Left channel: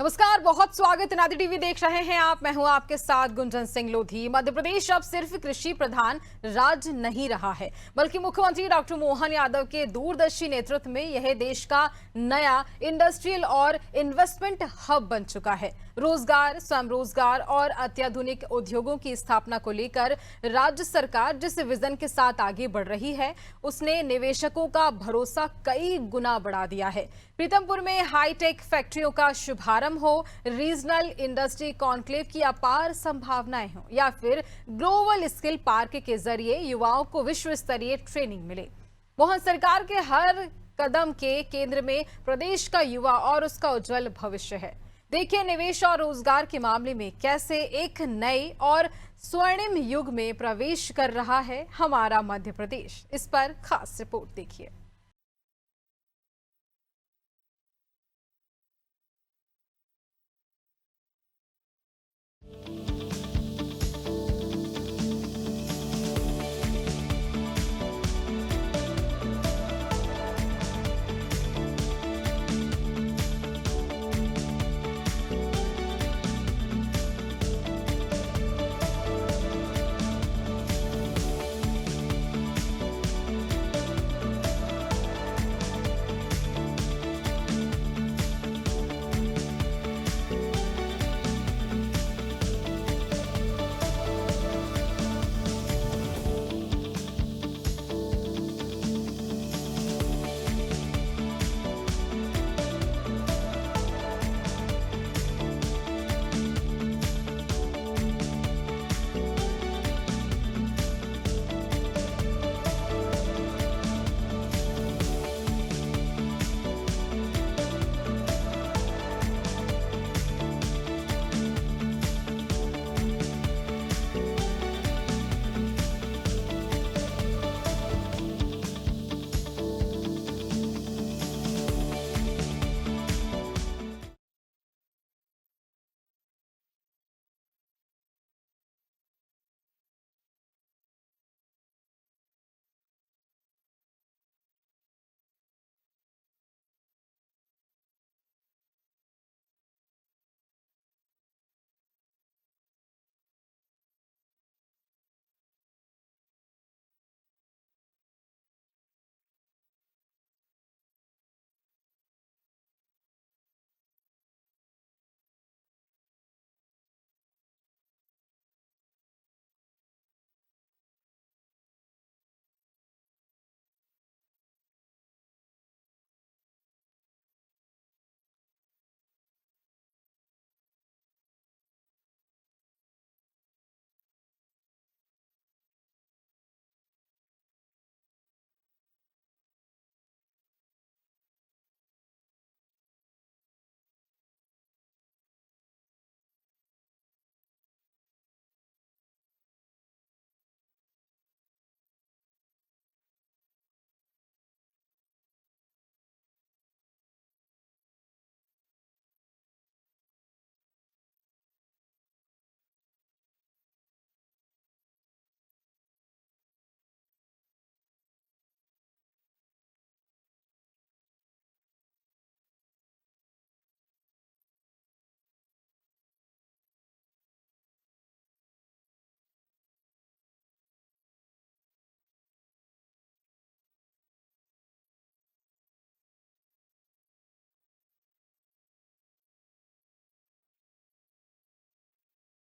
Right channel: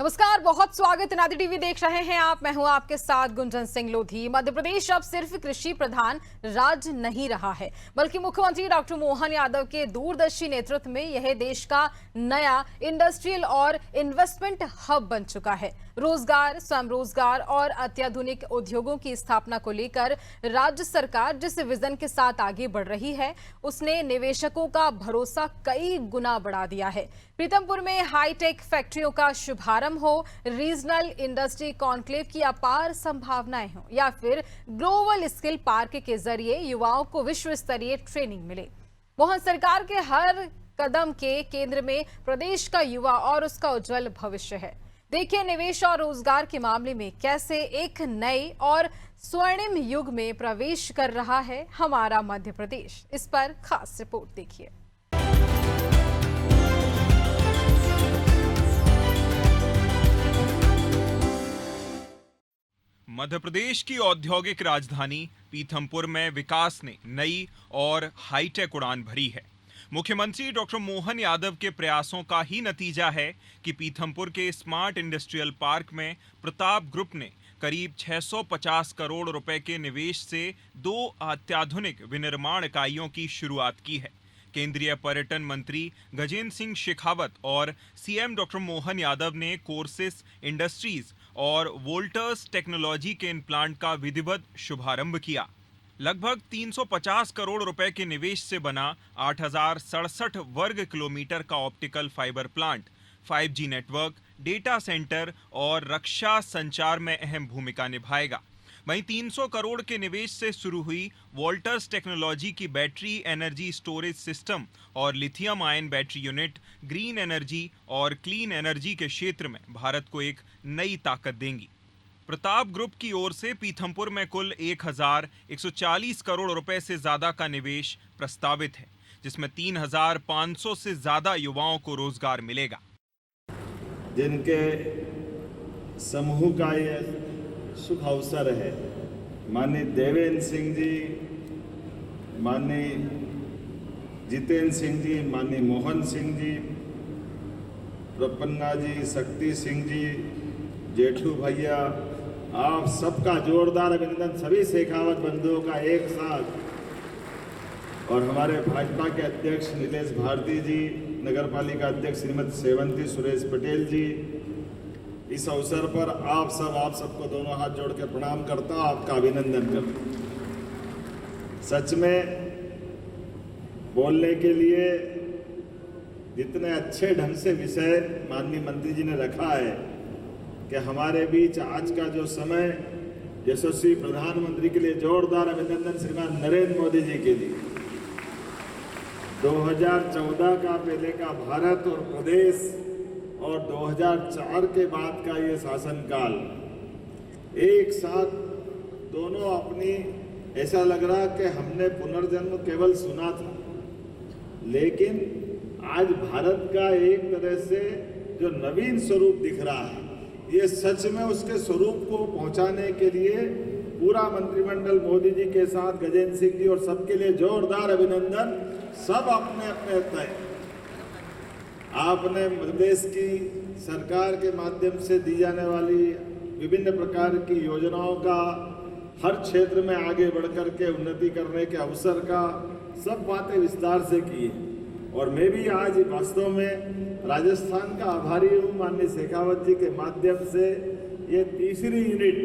नमस्कार, बहुत स्वागत। नादी टीवी देख रहे हैं आप। मैं हूं आपके साथ गुंजन सिंह लोधी। मध्य प्रदेश अब सिर्फ कृषि प्रधान राज्य नहीं रहा है, बल्कि मुख्यमंत्री डॉक्टर मोहन यादव के दूरदर्शी नेतृत्व में यह देश का नया इंडस्ट्रियल और इन्वेस्टमेंट हब बन चुका है। रोजगार, स्वयं रोजगार और अत्याधुनिक उद्योगों की स्थापना को लेकर राज्य सरकार जिस विजन के साथ आगे बढ़ रही है, उसने निवेशकों का भरोसा कई गुना बढ़ा दिया है। पीथमपुर में हाईटेक फैक्ट्रियों का शुभारंभ हो, रीजनल इंडस्ट्री कॉन्क्लेव की अपार संभावनाएं हो, या फिर ग्लोबल स्किल पार्क के जरिए युवाओं को विश्व स्तरीय ट्रेनिंग मिले, मोहन सरकार के हर कदम के केंद्र में प्रदेश का युवा और उसका उज्जवल भविष्य है। देखिए, निवेश और रोजगार के मामले में कैसे एक नए और स्वर्णिम युग में प्रवेश कर रहा है हमारा मध्य प्रदेश। इस पर खास रिपोर्ट देखिए। मध्य प्रदेश की औद्योगिक राजधानी पीथमपुर में विकास ने नई और हाईटेक उड़ान भरी है। मुख्यमंत्री डॉक्टर मोहन यादव के प्रयासों का ही नतीजा है कि पीथमपुर के स्मार्ट इंडस्ट्रियल पार्क में प्रताप ग्रुप ने करीब 650 करोड़ रुपए के निवेश से 2 अत्याधुनिक विनिर्माण इकाइयों की शुरुआत की है। केंद्रीय पर्यटन मंत्री गजेंद्र सिंह शेखावत और सीएम डॉक्टर मोहन यादव ने कोर्सेस इंडस्ट्रीज और वोल्टर्स टेक्नोलॉजी के प्लांट का विधिवत शुभारंभ किया। लगभग 350 करोड़ रुपए के निवेश से बना 8067 वर्ग किलोमीटर का optical fibre plant 5G network, data centre और रक्षा संचार में अहम भूमिका निभाएगा। वहीं 300 करोड़ के निवेश से शुरू हुई वोल्टर्स टेक्नोलॉजी की बैटरी एनर्जी स्टोरेज सिस्टम और lithium ion battery unit green energy और क्लीन एनर्जी के क्षेत्र में भारत को एक नई ताकत देंगी। प्रताप ग्रुप की ओर से पीथमपुर में कुल 1140 करोड़ रुपए से ज्यादा का निवेश प्रस्तावित है, जिसमें 3500 से ज्यादा युवाओं को रोजगार मिलेगा। जिनके समूह का ये शुभ अवसर है, माननीय देवेंद्र सिंह जी, माननीय जितेंद्र सिंह जी, माननीय मोहन सिंह जी, प्रपन्ना जी, शक्ति सिंह जी, जेठू भैया, आप सबका जोरदार अभिनंदन। सभी शेखावत बंधुओं का एक साथ, और हमारे भाजपा के अध्यक्ष नीलेश भारती जी, नगर पालिका अध्यक्ष श्रीमती सेवंती सुरेश पटेल जी, इस अवसर पर आप सबको दोनों हाथ जोड़ के प्रणाम करता हूं, आपका अभिनंदन करता हूं। सच में बोलने के लिए जितने अच्छे ढंग से विषय माननीय मंत्री जी ने रखा है कि हमारे बीच आज का जो समय यशस्वी प्रधानमंत्री के लिए जोरदार अभिनंदन श्रीमान नरेंद्र मोदी जी के लिए। 2014 का पहले का भारत और प्रदेश और 2004 के बाद का ये शासनकाल एक साथ दोनों अपनी, ऐसा लग रहा कि हमने पुनर्जन्म केवल सुना था, लेकिन आज भारत का एक तरह से जो नवीन स्वरूप दिख रहा है, ये सच में उसके स्वरूप को पहुंचाने के लिए पूरा मंत्रिमंडल मोदी जी के साथ गजेंद्र सिंह जी और सबके लिए जोरदार अभिनंदन। सब अपने अपने तय आपने मध्य प्रदेश की सरकार के माध्यम से दी जाने वाली विभिन्न प्रकार की योजनाओं का हर क्षेत्र में आगे बढ़कर के उन्नति करने के अवसर का सब बातें विस्तार से की है। और मैं भी आज वास्तव में राजस्थान का आभारी हूँ माननीय शेखावत जी के माध्यम से। ये तीसरी यूनिट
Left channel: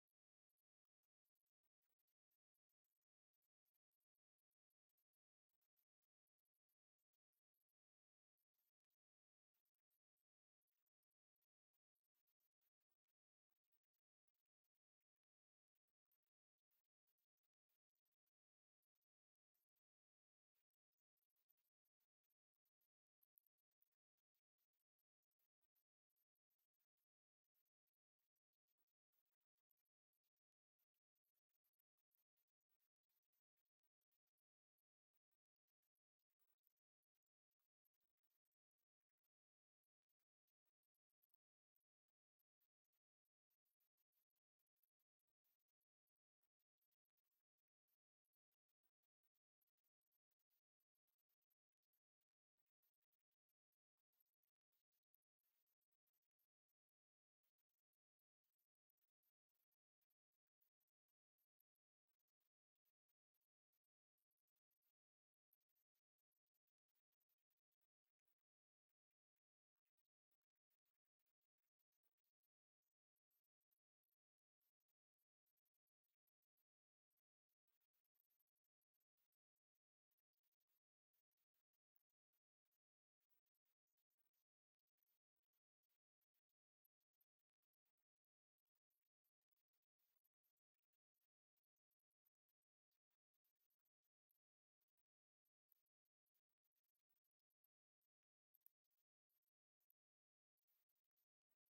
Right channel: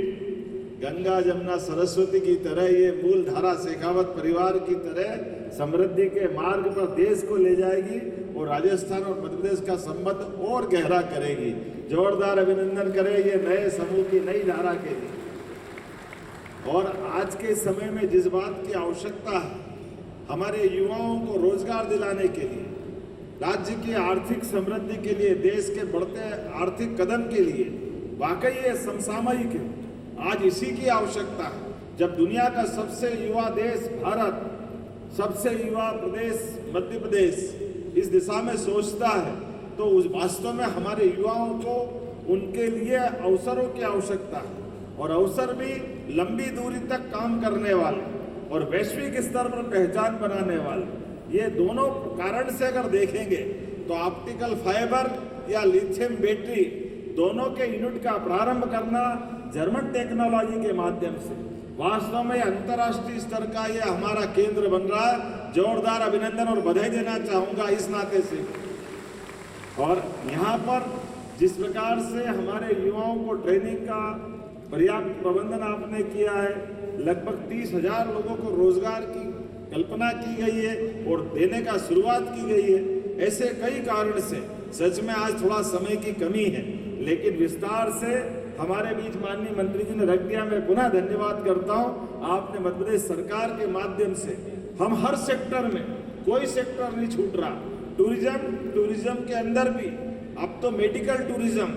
गंगा जमुना सरस्वती की तरह, ये मूल धारा शेखावत परिवार की तरह समृद्धि के मार्ग पर देश को ले जाएगी और राजस्थान और मध्य प्रदेश का संबंध और गहरा करेगी। जोरदार अभिनंदन करें ये नए समूह की नई धारा के लिए। और आज के समय में जिस बात की आवश्यकता है हमारे युवाओं को रोजगार दिलाने के लिए, राज्य की आर्थिक समृद्धि के लिए, देश के बढ़ते आर्थिक कदम के लिए, वाकई ये समसामयिक है। आज इसी की आवश्यकता है। जब दुनिया का सबसे युवा देश भारत, सबसे युवा प्रदेश मध्य प्रदेश इस दिशा में सोचता है, तो उस वास्तव में हमारे युवाओं को उनके लिए अवसरों की आवश्यकता है, और अवसर भी लंबी दूरी तक काम करने वाले और वैश्विक स्तर पर पहचान बनाने वाले। ये दोनों कारण से अगर देखेंगे तो ऑप्टिकल फाइबर या लिथियम बैटरी दोनों के यूनिट का प्रारंभ करना जर्मन टेक्नोलॉजी के माध्यम से, वास्तव में अंतर्राष्ट्रीय स्तर का ये हमारा केंद्र बन रहा है। जोरदार अभिनंदन और बधाई देना चाहूंगा इस नाते से। और यहाँ पर जिस प्रकार से हमारे युवाओं को ट्रेनिंग का पर्याप्त प्रबंधन आपने किया है, लगभग 30,000 लोगों को रोजगार की कल्पना की गई है और देने का शुरुआत की गई है। ऐसे कई कारण से सच में आज थोड़ा समय की कमी है, लेकिन विस्तार से हमारे बीच माननीय मंत्री जी ने रख दिया। मैं पुनः धन्यवाद करता हूं। आपने मध्य प्रदेश सरकार के माध्यम से हम हर सेक्टर में, कोई सेक्टर नहीं छूट रहा। टूरिज्म के अंदर भी अब तो मेडिकल टूरिज्म,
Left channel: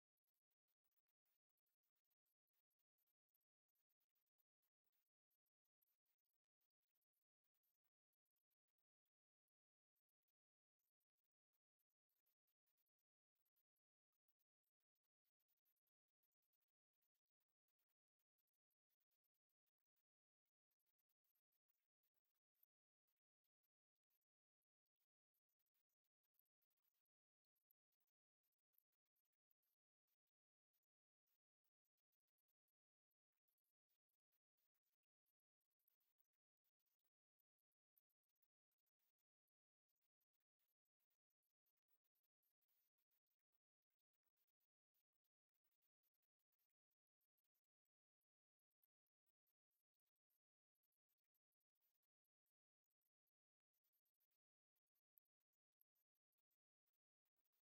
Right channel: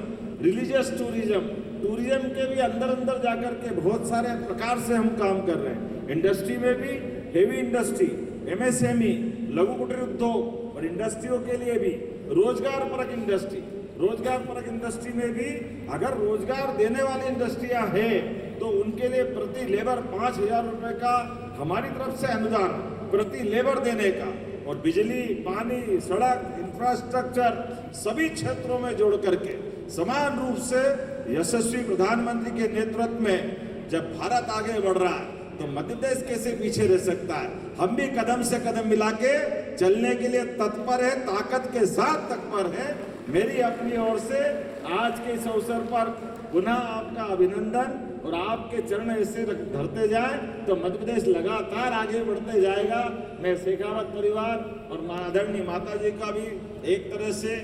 रिलीजियस टूरिज्म के भी अंदर जाकर के बहुत सारे प्रकार से हम काम कर रहे हैं। इंडस्ट्री में भी हेवी इंडस्ट्री, MSME, लघु कुटीर उद्योग और इंडस्ट्रियों के लिए भी रोजगार परक इंडस्ट्री में भी अगर रोजगार देने वाली इंडस्ट्रियां हैं तो उनके लिए प्रति लेबर 5,000 रुपए का हमारी तरफ से अनुदान प्रति लेबर देने का, और बिजली, पानी, सड़क, इंफ्रास्ट्रक्चर सभी क्षेत्रों में जोड़ करके समान रूप से यशस्वी प्रधानमंत्री के नेतृत्व में जब भारत आगे बढ़ रहा है तो मध्य प्रदेश कैसे पीछे रह सकता है। हम भी कदम से कदम मिला के चलने के लिए तत्पर है, ताकत के साथ तत्पर है। मेरी अपनी ओर से आज के इस अवसर पर पुनः आपका अभिनंदन, और आपके चरण ऐसे धरते जाए तो मध्य प्रदेश लगातार आगे बढ़ते जाएगा। मैं शेखावत परिवार और आदरणीय माता जी का भी एक तरह से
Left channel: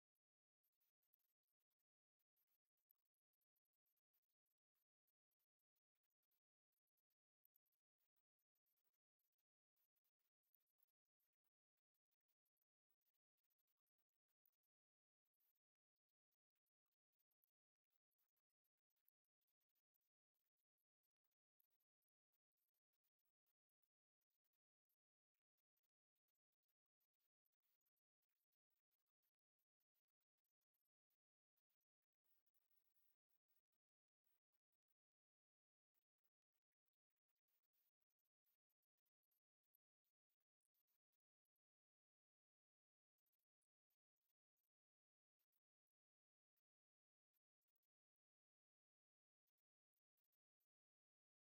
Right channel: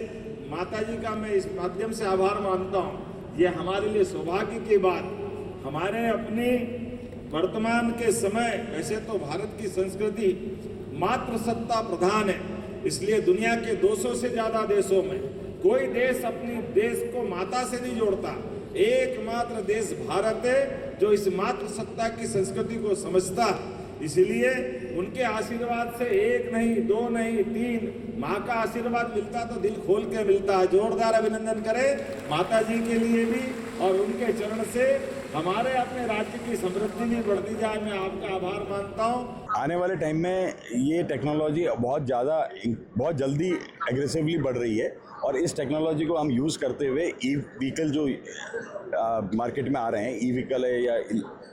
मैं इस माध्यम से आभार मानता हूँ। ये हमारे लिए सौभाग्य की बात, हमारे अपनी वर्तमान के समय, वैसे तो भारत की संस्कृति मात्र सत्ता प्रधान है, इसलिए दुनिया के 200 से ज्यादा देशों में कोई देश अपनी देश को माता से नहीं जोड़ता। एकमात्र देश भारत है जो इस मातृ सत्ता की संस्कृति को समझता है। इसलिए उनके आशीर्वाद से एक नहीं, दो नहीं, 3 माँ का आशीर्वाद मिलता तो दिल खोल के मिलता है। जोरदार अभिनंदन करें माता जी के लिए भी, और उनके चरण से हमारे अपने राज्य की समृद्धि भी बढ़ती जाए। मैं आपका आभार मानता हूँ। आने वाले टाइम में ये टेक्नोलॉजी बहुत जल्दी एग्रेसिवली बढ़ रही है, और इस टेक्नोलॉजी को हम यूज़ करते हुए ई व्हीकल जो मार्केट में आ रहे हैं, ई व्हीकल है या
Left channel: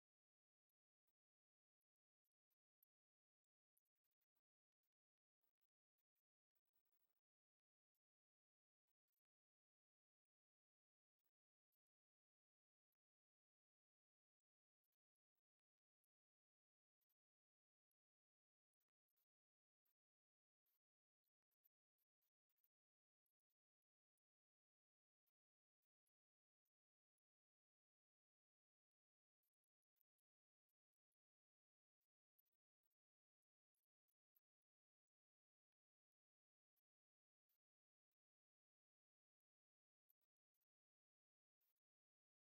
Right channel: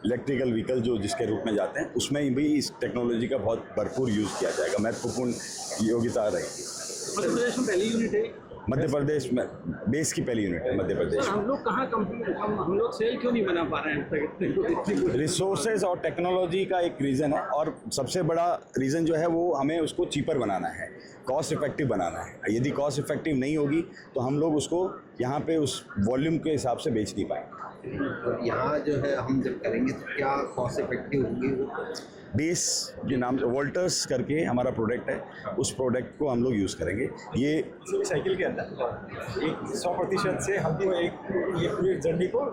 इलेक्ट्रिकल व्हीकल जो जिसके रूप में जाते हैं, उसमें भी इस टेक्नोलॉजी का बहुत भरपूर यूज़ किया जाएगा। महत्वपूर्ण योग्यता रहेगी। मध्य प्रदेश में पहली यूनिट है, मध्य प्रदेश में बेस की पहली यूनिट है मध्य प्रदेश। हम लोग कहाँ हम लोग सेल क्यों नहीं बना पा रहे हैं? रिसोर्सेज और टेक्नोलॉजी का एक रीज़न है, और सबसे बड़ा रीज़न जो है वो हमें उसको चीपर बनाना है, कॉस्ट इफेक्टिव बनाना है। यदि कॉस्ट इफेक्टिव नहीं होगी तो हम लोग उसको यहाँ पे उस वॉल्यूम के हिसाब से बेच नहीं पाएंगे। तो यहाँ जो है हम जब करेंगे तो क्या कॉस्ट इफेक्टिव होंगी वो? बेस के नाम से वोल्टर्स करके हमारा प्रोडक्ट है, उस प्रोडक्ट को हम लोग यूज़ करेंगे। ये साइकिल के अंदर एक 100% से हमको ये पूरी जर्नी को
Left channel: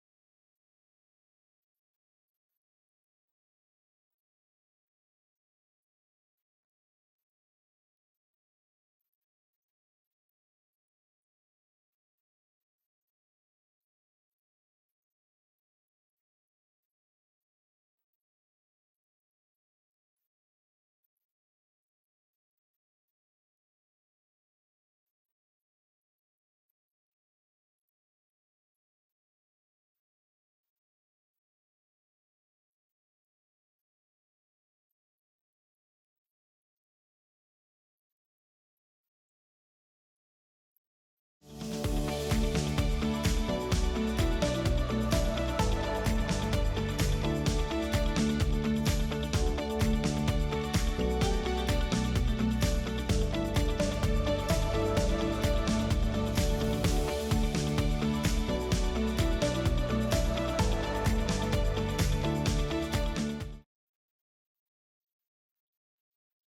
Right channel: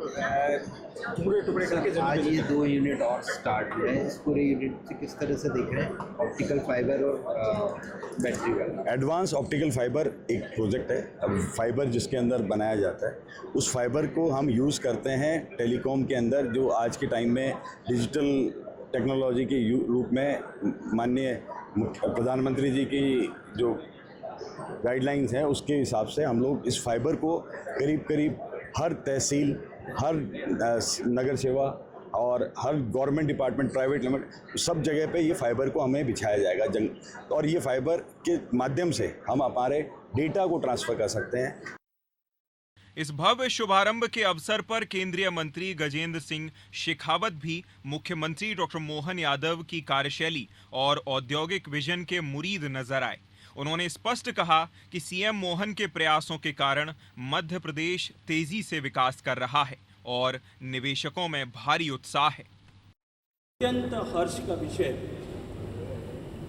टुकड़े करके आज ये 2 यूनिट और स्टार्ट हुए हैं। इस पूरे यूनिट से किस तरह से देख रहे हैं? ऑप्टिकल फाइबर और बैटरी वाला एडवांस ऑप्टिकल फाइबर एक प्रोजेक्ट है। अब फाइबर जिसके अंदर बनाया जाता है, उस फाइबर को हम यूज़ करते हैं टेलीकॉम के अंदर, जो आज के टाइम में डिजिटल टेक्नोलॉजी के रूप में माननीय प्रधानमंत्री जी की जो गाइडलाइंस हैं उसके हिसाब से हम लोग इस फाइबर को करीब हर तहसील, हर नगर सेवा और हर गवर्नमेंट डिपार्टमेंट, प्राइवेट लिमिट, सब जगह पे ये फाइबर को हमें बिछाया जाएगा। और ये फाइबर के माध्यम से हम हमारे डेटा को ट्रांसफ़र कर सकते हैं। इस भव्य शुभारंभ के अवसर पर केंद्रीय मंत्री गजेंद्र सिंह शेखावत भी मुख्यमंत्री डॉक्टर मोहन यादव की कार्यशैली और औद्योगिक विजन के मुरीद नजर आए। उन्होंने स्पष्ट कहा कि सीएम मोहन के प्रयासों के कारण मध्य प्रदेश तेजी से विकास कर रहा है और निवेशकों में भारी उत्साह है। अत्यंत हर्ष का विषय।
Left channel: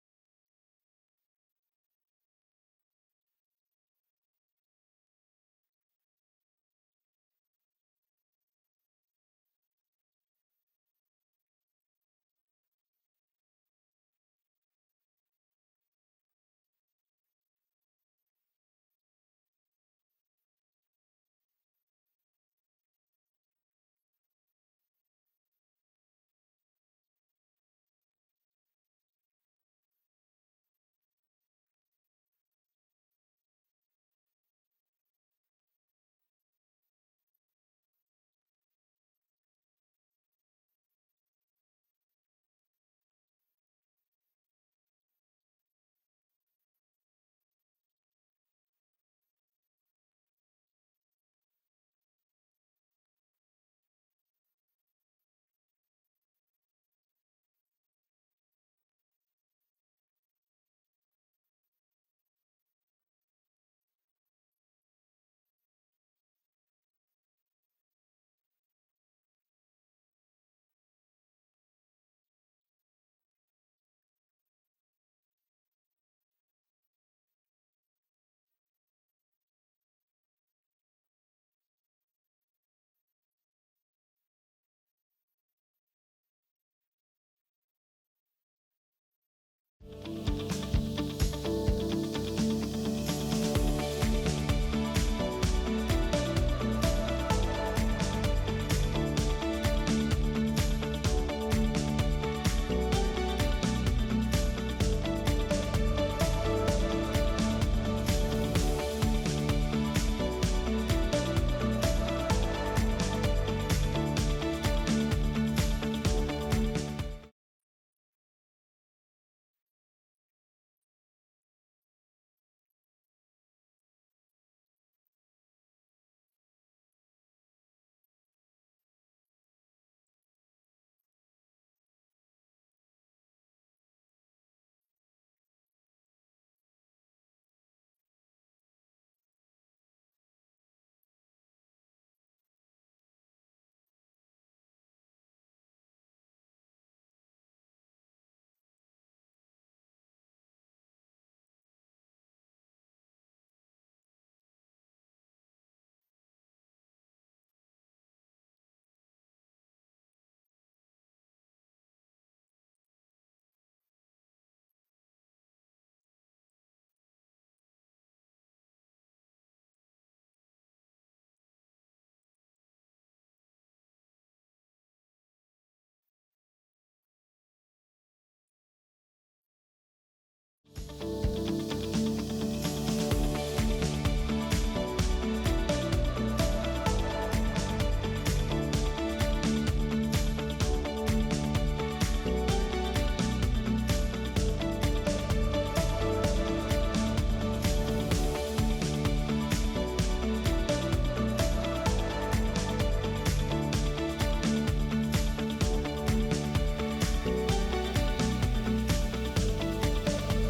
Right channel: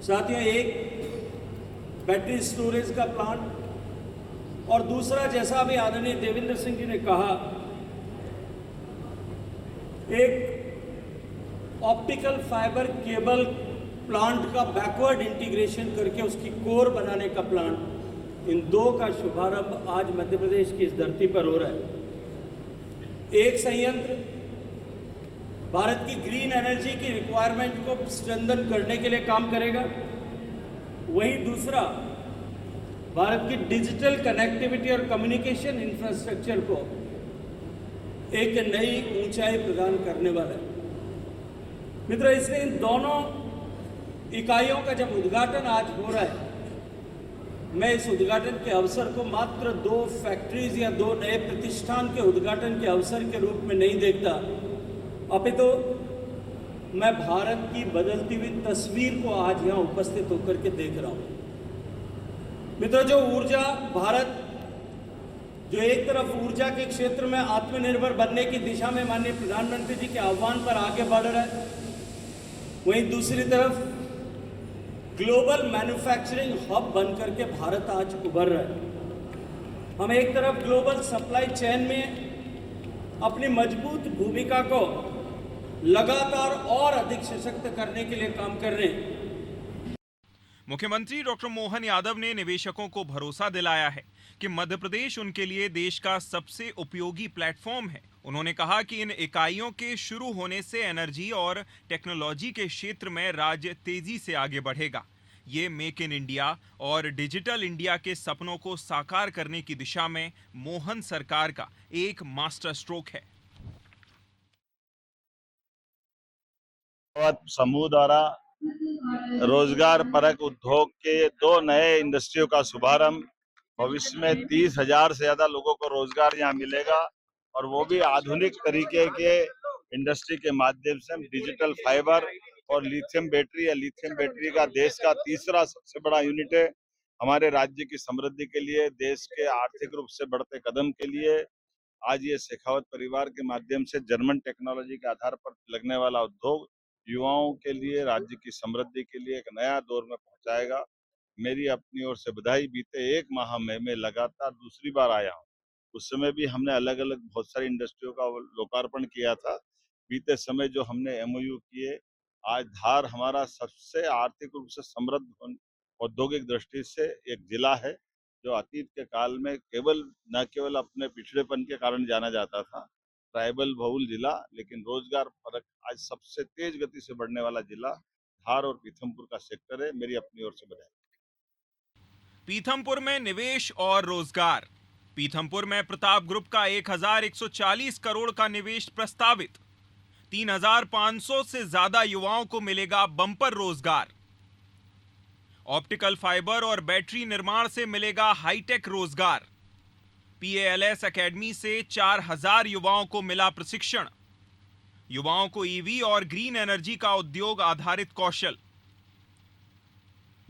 साथियों, एक बैटरी स्टोरेज का प्लांट और दूसरा, जैसा अभी आदरणीय देवेंद्र सिंह जी ने कहा, एक ऑप्टिकल फाइबर केबल प्लांट का बैकवर्ड इंटीग्रेशन करके उसकी कोर बनाने का प्लांट। इन 2 का शुभारंभ आज मध्य प्रदेश की इस धरती पर हो रहा है। एक संयंत्र भारत की ग्रीन एनर्जी की रिक्वायरमेंट को स्ट्रेंथन करने के लिए काम करेगा, वहीं दूसरा भारत की डिजिटल कनेक्टिविटी और कम्युनिकेशन इंफ्रास्ट्रक्चर को एक नई ऊंचाई प्रदान करने वाला है। मित्रों, इसलिए इन दोनों इकाइयों का जब उद्घाटन आज हो रहा है, मैं इस उद्घाटन के अवसर को मात्र 2 फैक्ट्रीज या 2 नए प्रतिष्ठान के उद्घाटन के अवसर के रूप में नहीं देखता, अपितु मैं भारत की बदलती हुई तस्वीर को आज यहाँ उपस्थित होकर के देख रहा हूँ। मित्रों, जो ऊर्जा भारत जो एक तरफ ऊर्जा के क्षेत्र में आत्मनिर्भर बनने की दिशा में माननीय प्रधानमंत्री जी के आह्वान पर आगे बढ़ रहा है, वहीं दूसरी तरफ ग्लोबल मैन्युफैक्चरिंग हब बनकर के भारत आज उभर रहा है। हम एक तरफ ग्लोबल सप्लाई चेन में अपनी मजबूत भूमिका को लगातार और अधिक सशक्त करने के लिए काम कर रहे हैं। मुख्यमंत्री डॉक्टर मोहन यादव ने निवेशकों को भरोसा दिलाया है कि मध्य प्रदेश उनके लिए देश का सबसे उपयोगी प्लेटफॉर्म है। उन्होंने कहा कि इन इकाइयों के शुरू होने से एनर्जी और टेक्नोलॉजी के क्षेत्र में राज्य तेजी से आगे बढ़ेगा। ये मेक इन इंडिया और डिजिटल इंडिया के सपनों को साकार करने की दिशा में मोहन सरकार का एक मास्टर स्ट्रोक है। समूह द्वारा रोजगार परक उद्योग के 2 नए इंडस्ट्रियों का शुभारंभ, भविष्य में 30,000 से ज्यादा लोगों को रोजगार यहाँ मिलेगा और वो भी आधुनिक तरीके के इंडस्ट्री के माध्यम से। डिजिटल फाइबर और लिथियम बैटरी का देश का तीसरा सबसे बड़ा यूनिट है। हमारे राज्य की समृद्धि के लिए, देश के आर्थिक रूप से बढ़ते कदम के लिए आज ये शेखावत परिवार के माध्यम से जर्मन टेक्नोलॉजी के आधार पर लगने वाला उद्योग युवाओं के लिए, राज्य की समृद्धि के लिए एक नया दौर में पहुंचाएगा। मेरी अपनी ओर से बधाई। बीते 1 माह में मैं लगातार दूसरी बार आया हूँ। उस समय भी हमने अलग अलग बहुत सारी इंडस्ट्रियों का लोकार्पण किया था। बीते समय जो हमने MOU किए, आज धार हमारा सबसे आर्थिक रूप से समृद्ध औद्योगिक दृष्टि से एक जिला है, जो अतीत के काल में न केवल अपने पिछड़ेपन के कारण जाना जाता था, ट्राइबल बहुल जिला, लेकिन रोजगार परक आज सबसे तेज गति से बढ़ने वाला जिला धार और पीथमपुर का सेक्टर है। मेरी अपनी ओर से बधाई। पीथमपुर में निवेश और रोजगार। पीथमपुर में प्रताप ग्रुप का 1140 करोड़ का निवेश प्रस्तावित। 3,500 से ज्यादा युवाओं को मिलेगा बम्पर रोजगार। ऑप्टिकल फाइबर और बैटरी निर्माण से मिलेगा हाईटेक रोजगार। PALS एकेडमी से 4,000 युवाओं को मिला प्रशिक्षण। युवाओं को EV और ग्रीन एनर्जी का उद्योग आधारित कौशल।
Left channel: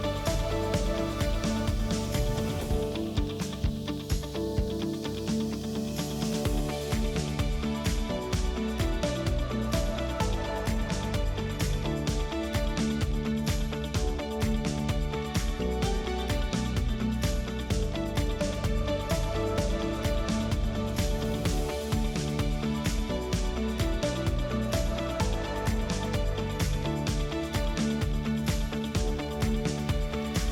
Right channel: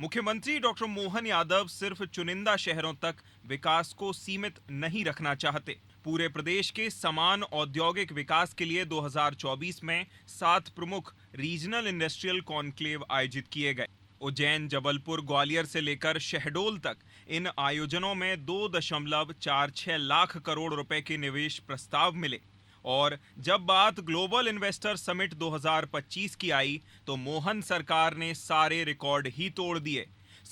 मुख्यमंत्री डॉक्टर मोहन यादव सिर्फ चुनिंदा शहरों तक विकास को सीमित नहीं रखना चाहते। पूरे प्रदेश के समान औद्योगिक विकास के लिए 2024 में 7 प्रमुख रीजनल इंडस्ट्रियल कॉन्क्लेव आयोजित किए गए। उज्जैन, जबलपुर, ग्वालियर से लेकर शहडोल तक इन आयोजनों में 2.46 लाख करोड़ रुपए के निवेश प्रस्ताव मिले। और जब बात ग्लोबल इन्वेस्टर समिट 2025 की आई तो मोहन सरकार ने सारे रिकॉर्ड ही तोड़ दिए।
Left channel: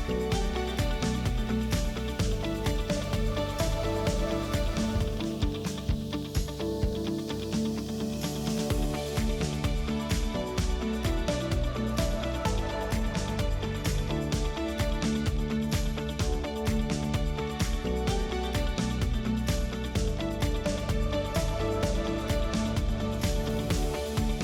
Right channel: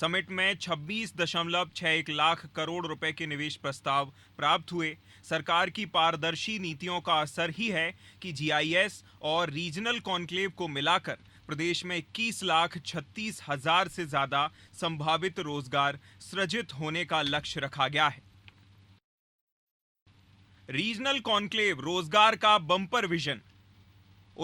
समिट में 26.61 लाख करोड़ रुपए के निवेश प्रस्ताव प्राप्त हुए। सरकार की पारदर्शी नीतियों का असर ही है कि GIS और रीजनल कॉन्क्लेव को मिलाकर प्रदेश में 21,36,000 से ज्यादा संभावित रोजगार सृजित होने का लक्ष्य रखा गया है। रीजनल कॉन्क्लेव रोजगार का बम्पर विजन।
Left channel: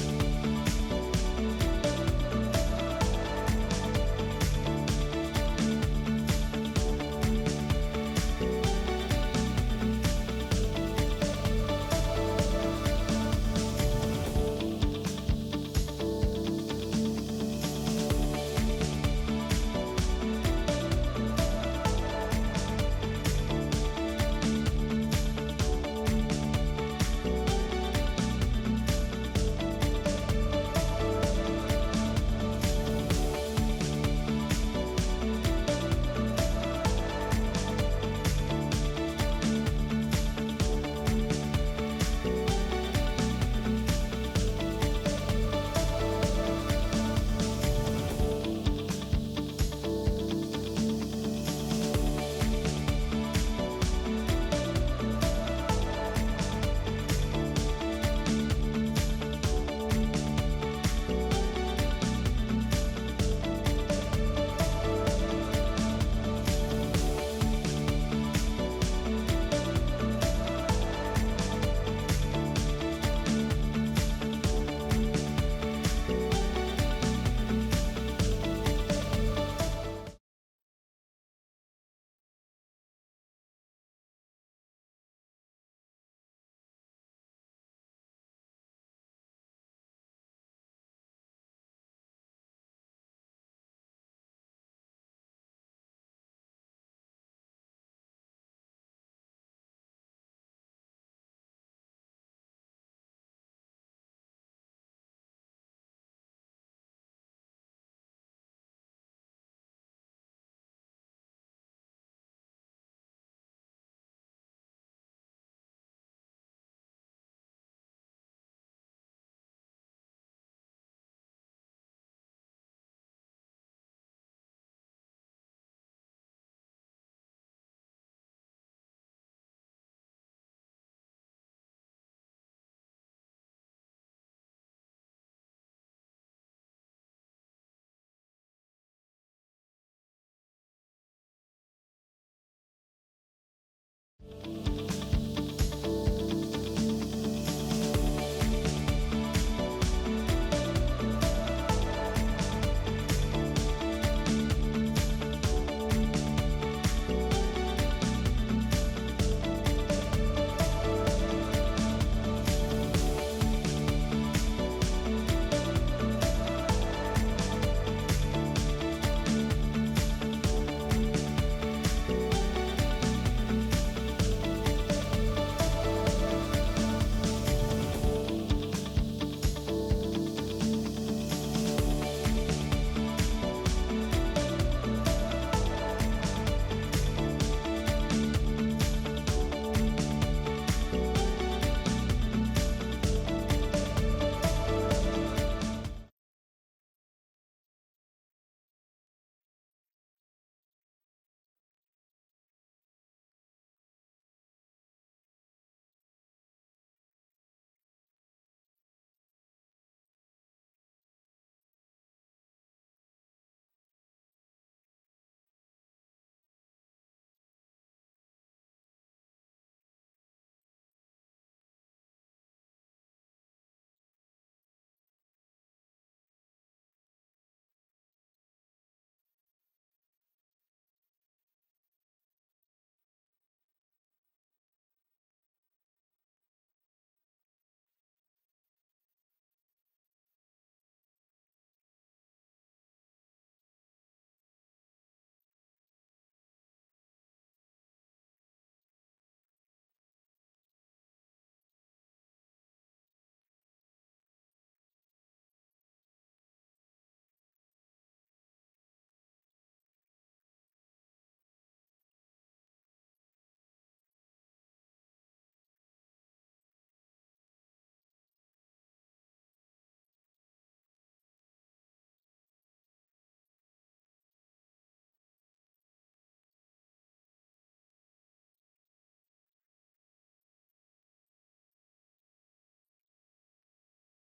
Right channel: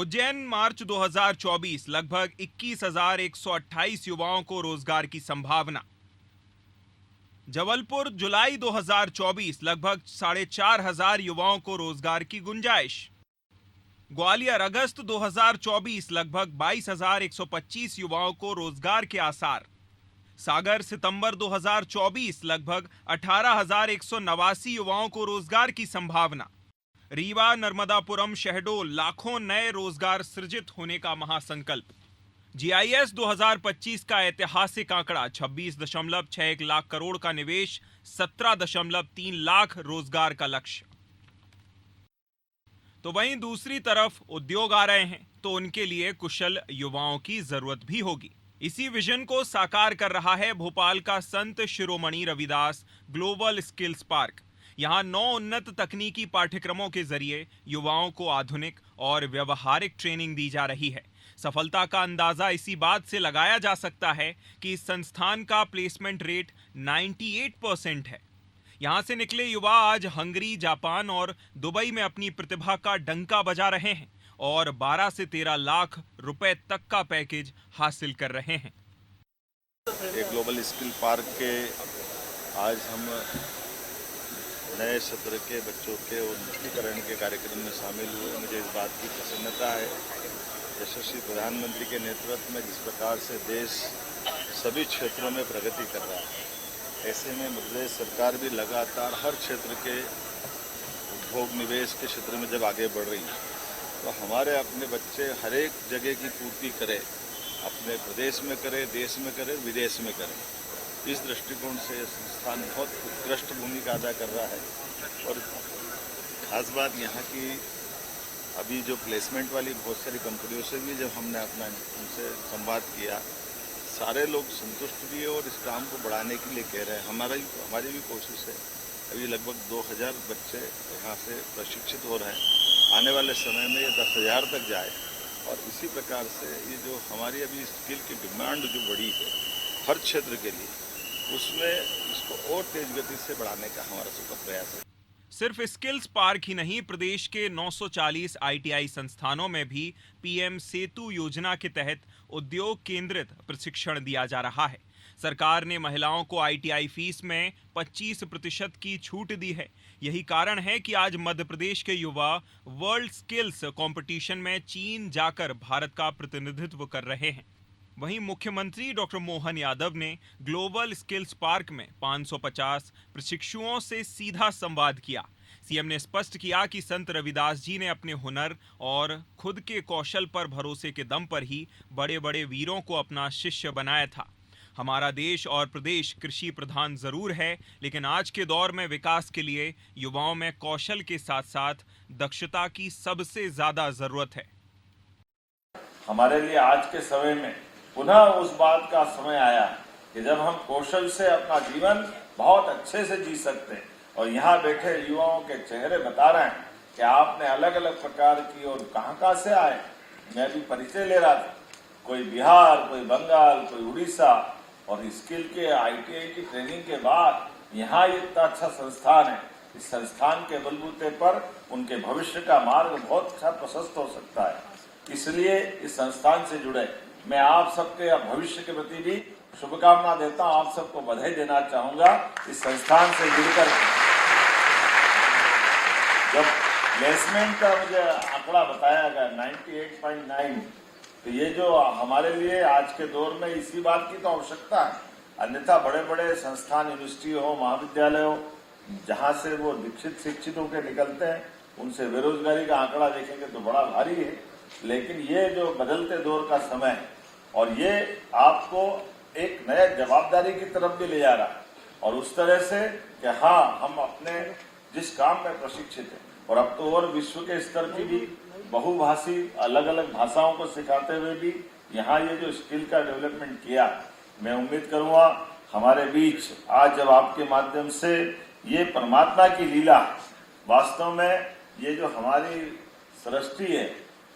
उज्जैन मार्च 2024 लगभग 21,128 युवाओं को रोजगार की संभावना। जबलपुर जुलाई 2024 लगभग 4,500 युवाओं को रोजगार की गुंजाइश। ग्वालियर अगस्त 2024 लगभग 22,125 युवाओं को रोजगार के आसार। सागर सितंबर 2024 लगभग 18,189 युवाओं को रोजगार की संभावना। रीवा, नर्मदापुरम, शहडोल लाखों नए रोजगार सृजित होने का महासंकल्प। GIS 2025 का ऐतिहासिक आंकड़ा 26.61 लाख करोड़ का निवेश, 17.3 लाख रोजगार का लक्ष्य। तो वहीं दूसरी तरफ उद्योग आ रहे हैं तो उनके लिए कुशल युवाओं की जरूरत भी होगी। इसी विजन को साकार कर रहा है भोपाल का Sant Shiromani Ravidas global skills park. यहाँ 9 उन्नत तकनीकी पाठ्यक्रमों के जरिए युवाओं को आधुनिक और व्यवहारिक ट्रेनिंग दी जा रही है। सफलता का अंदाजा इसी बात से लगाया जा सकता है कि संस्थान का प्लेसमेंट रेट 98% है। यहाँ से निकले युवा आज हंगरी, जापान और दुबई में अपनी प्रतिभा का डंका बजा रहे हैं और 12 से 13 लाख रुपए तक का पैकेज हासिल कर रहे हैं। एक ग्लोबल स्किल पार्क के आज हम नए सत्र के बच्चों के उन्नतीकरण के कार्यक्रम में शामिल हुए। मुझे इस बात की प्रसन्नता है, यशस्वी प्रधानमंत्री के नेतृत्व में जिस प्रकार से देश सभी क्षेत्रों में प्रगति कर रहा है, ऐसे में मध्य प्रदेश सरकार भी लगातार हर क्षेत्र के उद्योग निवेश के क्षेत्र में जब आगे बढ़ रही है, तो हमारे अपने बच्चे हर एक जगह की पूर्ति करें, अपने प्रदेश में करें, देश में करें, विदेश में करें। इस दृष्टिकोण से संस्थान बहुत उत्कृष्ट भूमिका अदा कर रहा है। और खास बात यहाँ की अभी जो प्लेसमेंट वाली बहुत सारी कंपनियों से भी जब हमने अपना उनसे संवाद किया, सारे लोग संतुष्ट भी है और इस काम को बढ़ाने के लिए कह रहे हैं। हमारी भी कोशिश है। अभी लगभग 2000 बच्चे यहाँ से प्रशिक्षित हो रहे हैं, आने वाले समय में ये 10,000 तक जाए। और इसी प्रकार से ये जो हमारी अभी स्किल की डिमांड जो बढ़ी है हर क्षेत्र के लिए, उसमें इसको और तेज गति से बढ़ाने का हमारा सबका प्रयास है। सिर्फ स्किल्स पार्क ही नहीं, प्रदेश के 940 ITI संस्थानों में भी PM सेतु योजना के तहत उद्योग केंद्र प्रशिक्षण दिया जा रहा है। सरकार ने महिलाओं को ITI फीस में 25% की छूट दी है। यही कारण है कि आज मध्य प्रदेश के युवा वर्ल्ड स्किल्स कंपटीशन में चीन जाकर भारत का प्रतिनिधित्व कर रहे हैं। वहीं मुख्यमंत्री डॉक्टर मोहन यादव ने ग्लोबल स्किल्स पार्क में 550 प्रशिक्षुओं से सीधा संवाद किया। सीएम ने स्पष्ट किया कि संत रविदास जी ने अपने हुनर और खुद के कौशल पर भरोसे के दम पर ही बड़े बड़े वीरों को अपना शिष्य बनाया था। हमारा देश और प्रदेश कृषि प्रधान जरूर है, लेकिन आज के दौर में विकास के लिए युवाओं में कौशल के साथ साथ दक्षता की सबसे ज्यादा जरूरत है। हमारे लिए आज के समय में पुनः उस बात का समय आया कि जब हम कौशल से अपना जीवन बहुत अच्छे से जी सकते हैं। और यहाँ बैठे युवाओं के चेहरे बता रहे हैं कि आपने अलग अलग प्रकार की और कहाँ से आए। मैं भी परिचय ले रहा था, कोई बिहार, कोई बंगाल, कोई उड़ीसा, और स्किल के ITI की ट्रेनिंग के बाद यहाँ इतना अच्छा संस्थान है। इस संस्थान के बलबूते पर उनके भविष्य का मार्ग बहुत अच्छा प्रशस्त हो सकता है। इसलिए इस संस्थान से जुड़े मैं आप सबके भविष्य के प्रति भी शुभकामना देता हूं। आप सबको बधाई देना चाहूंगा। इस संस्थान से जुड़कर जब प्लेसमेंट का मुझे आंकड़ा बताया गया 98.9, तो ये जो हमारे लिए आज के दौर में इसी बात की तो आवश्यकता है। अन्यथा बड़े बड़े संस्थान, यूनिवर्सिटी हो, महाविद्यालय हो, जहाँ से वो दीक्षित शिक्षित होकर निकलते हैं, उनसे बेरोजगारी का आंकड़ा देखेंगे तो बड़ा भारी है। लेकिन ये जो बदलते दौर का समय है और ये आपको एक नया जवाबदारी की तरफ भी ले जा रहा है, और उस तरह से कि हाँ, हम अपने जिस काम में प्रशिक्षित हैं, और अब तो और विश्व के स्तर की भी बहुभाषी अलग अलग भाषाओं को सिखाते हुए भी यहाँ ये जो स्किल का डेवलपमेंट किया, मैं उम्मीद करूँगा हमारे बीच आज जब आपके माध्यम से ये परमात्मा की लीला, वास्तव में ये जो हमारी सृष्टि है,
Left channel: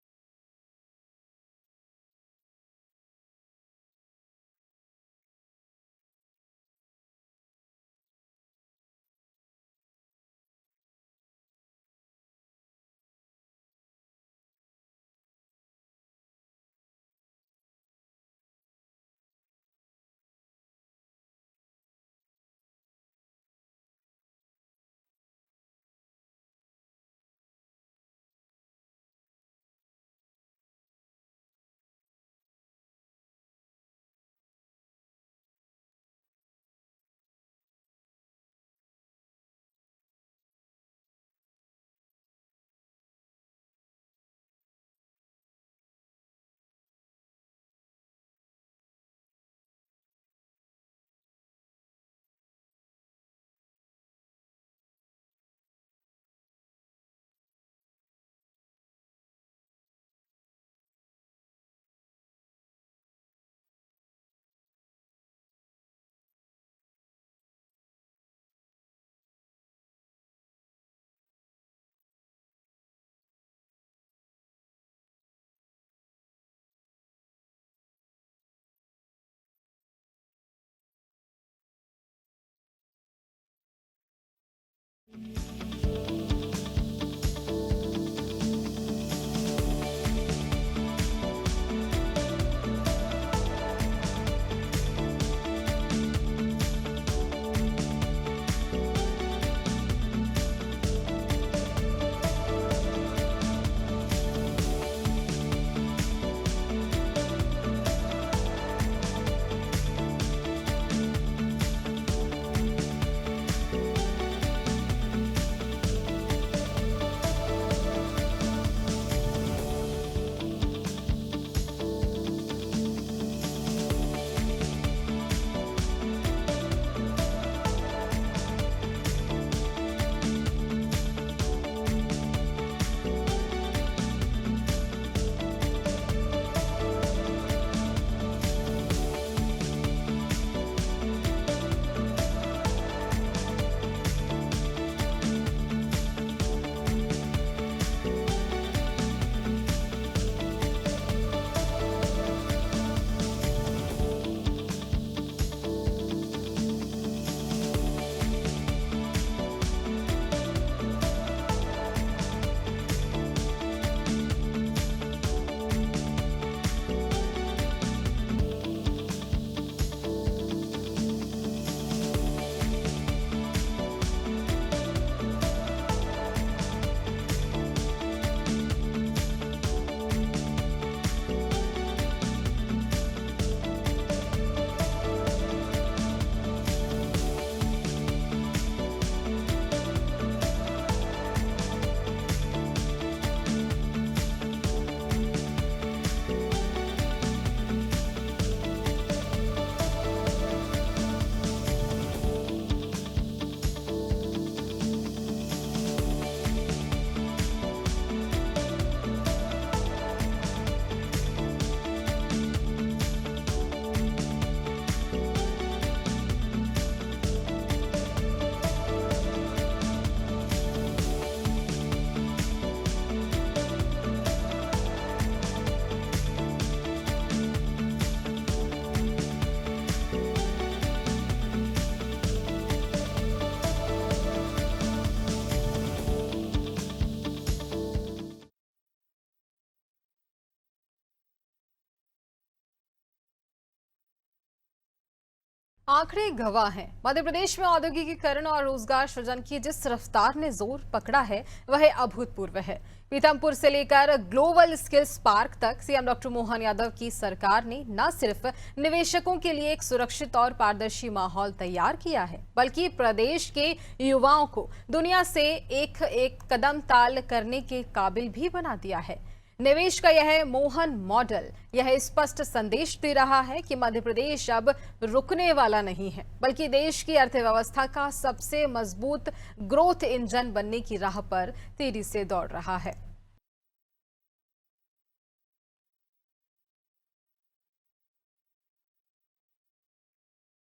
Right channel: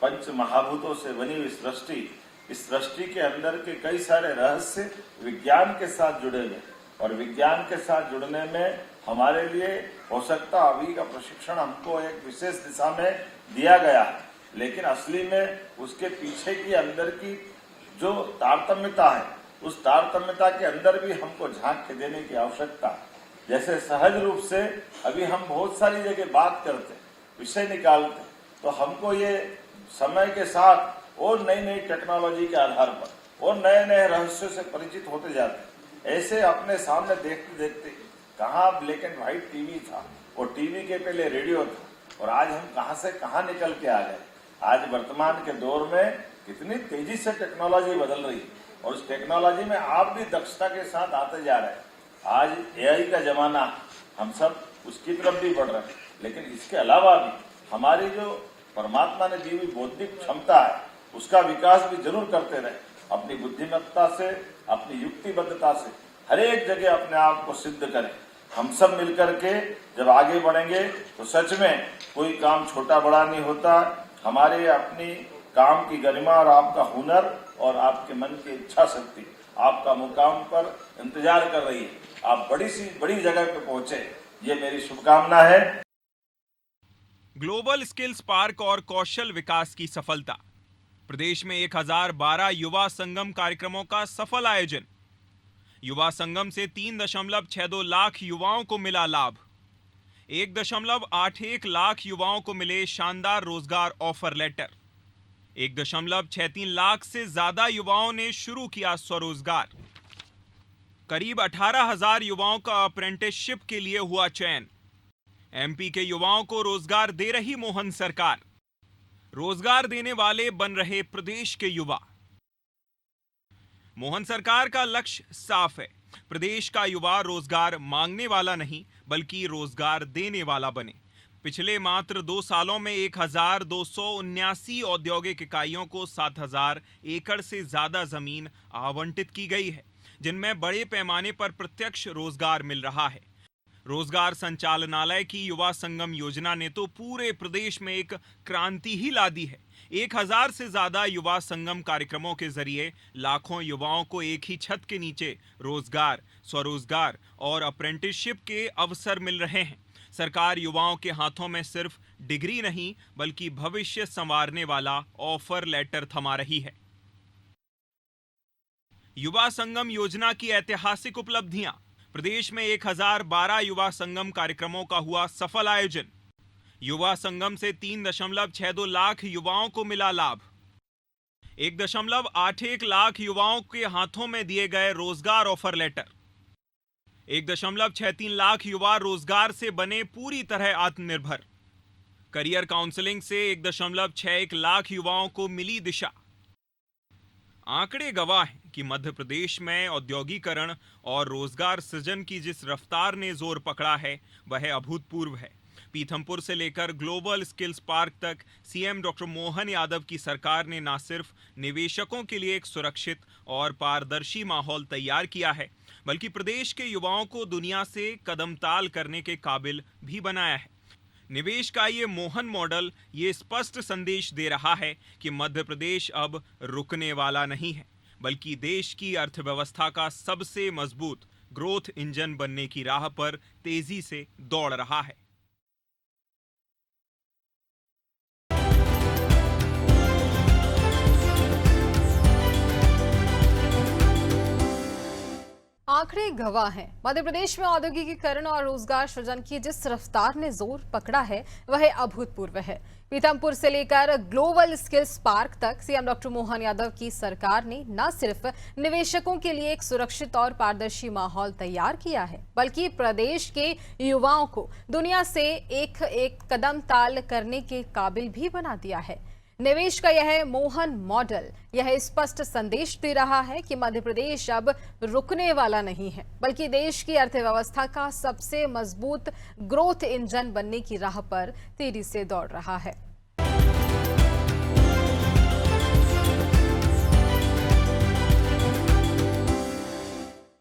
पंच महाभूतों से बनी हुई सृष्टि, इस सृष्टि के अंदर के कई सारे रहस्य विज्ञान के साथ जुड़े हुए, और विज्ञान के साथ जुड़ने में हमारे लिए हो सकता अभी का प्रशिक्षण हमको एक विशेष दिशा में दिया गया है, लेकिन असली में उसके पीछे की अंदर की जो तारतम्यता है, उस तारतम्यता के अंदर भी हमको झांक के देने की आवश्यकता है। जैसे सहज रूप से अभी हम बहुत सारी जगह बात करते, विषय निकालते, तो हमको ये समय के साथ और नई नई टेक्नोलॉजी के आधार पर और नए नए रहस्यों से परिचित होते जाते। ऐसे अपने सामने देखते देखते कहाँ ब्लैक एंड व्हाइट टीवी था, और टीवी के पहले रेडियो था, और आज हम कहाँ से कहाँ निकल के आ गए। आज वर्तमान के दौर में कितनी तेजी से टेक्नोलॉजी बदल रही है, और उस टेक्नोलॉजी में आप भी दक्षता के साथ आते जा रहे हैं। आज AI का जमाना, हम सब उसकी तरफ भी बढ़ रहे हैं, लेकिन इसके अलावा भी हमारी जो परमात्मा ने दी हुई बौद्धिक क्षमता है, उसका विकास भी जरूर करते रहे। अपनी बुद्धिमत्ता से, अपनी युक्तिबद्धता से हर एक जगह अपने आप को सिद्ध करें। हम सब मिलकर के जब आगे बढ़ेंगे तो सच में कोई काम छोटा बड़ा नहीं होता। हमारे अपनी काम की गरिमा और आपका हुनर और आपके मन की इच्छा शक्ति आपका मुकाम पर इंतजार कर रही है। आप बड़ी जगह पे पहुंचे, ये मेरी शुभकामना है। ग्लोबल स्किल्स पार्क और कौशल विकास की सफलता। प्रदेश में 1012 युवा संगम कार्यक्रमों का सफल आयोजन। युवा संगम से 3.62 लाख युवाओं को मिला लाभ। 1.81 लाख युवाओं को मिले शानदार रोजगार ऑफर लेटर। 1.63 लाख से ज्यादा युवाओं ने शुरू किया स्वरोजगार। करीब 18,000 युवाओं का अप्रेंटिसशिप के लिए हुआ चयन। एमपी के युवाओं को रोजगार दे रही मोहन सरकार। रोजगार देने वाले बन रहे प्रदेश के युवा। मोहन सरकार का लक्ष्य साफ है, प्रदेश का युवा रोजगार मांगने वाला नहीं बल्कि रोजगार देने वाला बने। पिछले मात्र 2 सालों में 1,279 औद्योगिक इकाइयों को 7,000 एकड़ से ज्यादा जमीन आवंटित की गई है, जिनमें बड़े पैमाने पर प्रत्यक्ष रोजगार मिल रहा है। रोजगार संचालनालय की युवा संगम योजना ने तो पूरे प्रदेश में एक क्रांति ही ला दी है। 1,000 से ज्यादा युवा संगम कार्यक्रमों के जरिए लाखों युवाओं को एक ही छत के नीचे रोजगार, स्वरोजगार और अप्रेंटिसशिप के अवसर मिल रहे हैं। सरकार युवाओं के हाथों में सिर्फ डिग्री नहीं बल्कि भविष्य संवारने वाला ऑफर लेटर थमा रही है। युवा संगम योजना की ऐतिहासिक उपलब्धियां। प्रदेश में 1012 युवा संगम कार्यक्रमों का हुआ सफल आयोजन। युवा संगम से 3.62 लाख युवाओं को मिला लाभ। 1.81 लाख युवाओं के हाथों में दिए गए रोजगार ऑफर लेटर। 1.63 लाख युवा रोजगार से बने पूरी तरह आत्मनिर्भर। करियर काउंसलिंग से 1.61 लाख युवाओं को मिली दिशा। आंकड़े गवाह हैं कि मध्य प्रदेश में औद्योगिकरण और रोजगार सृजन की जिस रफ्तार ने जोर पकड़ा है वह अभूतपूर्व है। पीथमपुर से लेकर ग्लोबल स्किल्स पार्क तक सीएम डॉक्टर मोहन यादव की सरकार ने न सिर्फ निवेशकों के लिए एक सुरक्षित और पारदर्शी माहौल तैयार किया है, बल्कि प्रदेश के युवाओं को दुनिया से कदमताल करने के काबिल भी बनाया है। निवेश का ये मोहन मॉडल ये स्पष्ट संदेश दे रहा है कि मध्य प्रदेश अब रुकने वाला नहीं है, बल्कि देश की अर्थव्यवस्था का सबसे मजबूत ग्रोथ इंजन बनने की राह पर तेजी से दौड़ रहा है। आंकड़े गवाह हैं। मध्य प्रदेश में औद्योगिकीकरण और रोजगार सृजन की जिस रफ्तार ने जोर पकड़ा है वह अभूतपूर्व है। पीथमपुर से लेकर ग्लोबल स्किल्स पार्क तक सीएम डॉक्टर मोहन यादव की सरकार ने न सिर्फ निवेशकों के लिए एक सुरक्षित और पारदर्शी माहौल तैयार किया है, बल्कि प्रदेश के युवाओं को दुनिया से एक कदम ताल करने के काबिल भी बना दिया है। निवेश का यह मोहन मॉडल यह स्पष्ट संदेश दे रहा है कि मध्य प्रदेश अब रुकने वाला नहीं है, बल्कि देश की अर्थव्यवस्था का सबसे मजबूत ग्रोथ इंजन बनने की राह पर तेजी से दौड़ रहा है।